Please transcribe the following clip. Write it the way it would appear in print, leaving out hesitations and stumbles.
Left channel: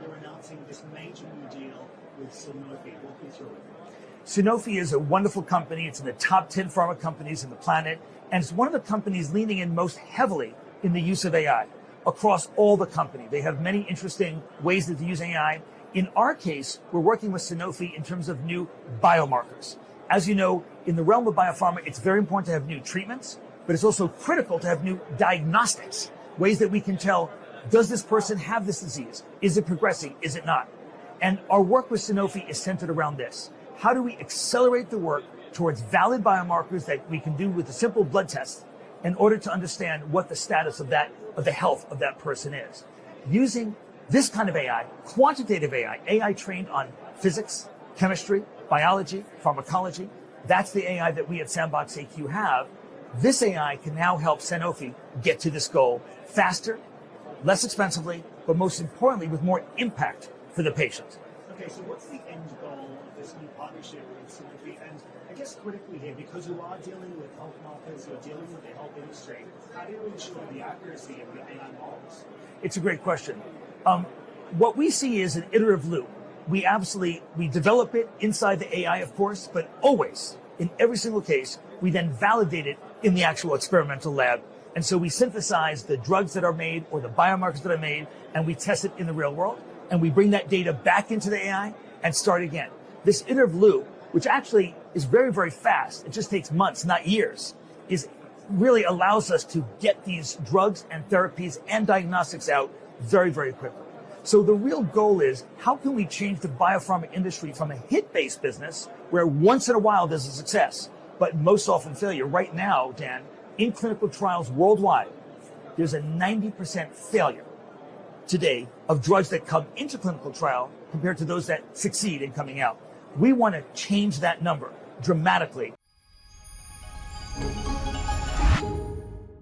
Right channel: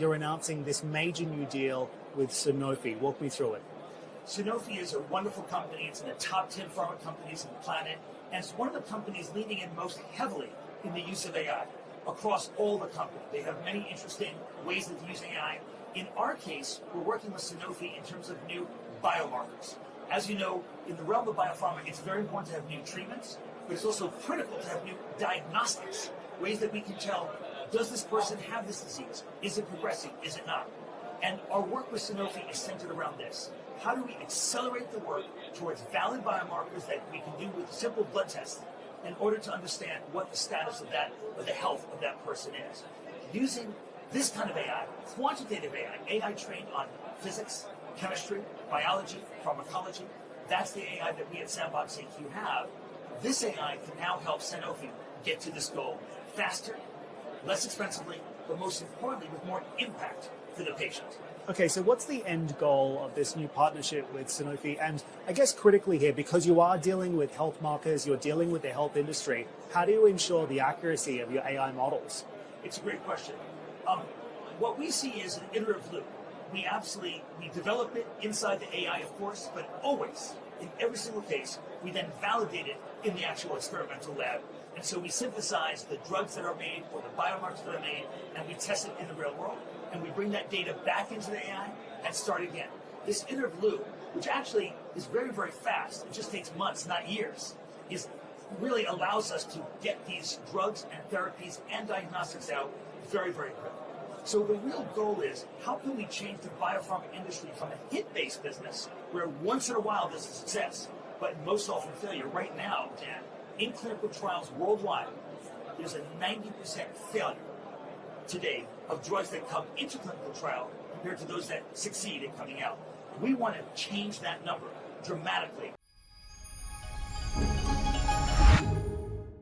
you're announcing this major new deal with Sanofi. Walk me through it. Sanofi is a wonderful company. It's in the top 10 pharma companies on the planet, and it's one of the companies leaning in most heavily in the use of AI across all the company. They have many interesting ways that they're using AI. In our case, we're working with Sanofi in terms of new biomarkers. As you know, in the realm of biopharma, it's very important to have new treatments, but it's also critical to have new diagnostics, ways that we can tell, does this person have this disease? Is it progressing? Is it not? And our work with Sanofi is centered around this. How do we accelerate the work towards valid biomarkers that we can do with a simple blood test in order to understand what the status of the health of that person is? Using this kind of AI, quantitative AI trained on physics, chemistry, biology, pharmacology, that's the AI that we at SandboxAQ have. This AI can now help Sanofi get to this goal faster, less expensively, but most importantly, with more impact for the patient. Okay, so what's the end goal of this new partnership with Sanofi? And I guess critically here, because you are dealing with health markers, you're dealing with the health industry, how do you ensure the accuracy of your AI models? It's a great question. What we see is an iterative loop. We develop it inside the AI, of course, but always, in every single case, we then validate it in the actual experimental lab. And so we synthesize the drugs that are made or the biomarkers that are made, and we test it in the real world. And we bring that data back into the AI and start again. This iterative loop, which actually is very, very fast, it just takes months, not years, really allows us to get these drugs and therapies and diagnostics out very, very quickly. So the real goal is, how can we change the biopharma industry from a hit-based business where once in a while there's a success, but most often failure? Right now, Dan, in clinical trials worldwide, there's a 90% failure today of drugs that come into clinical trial compared to those that succeed in coming out. We want to change that number dramatically.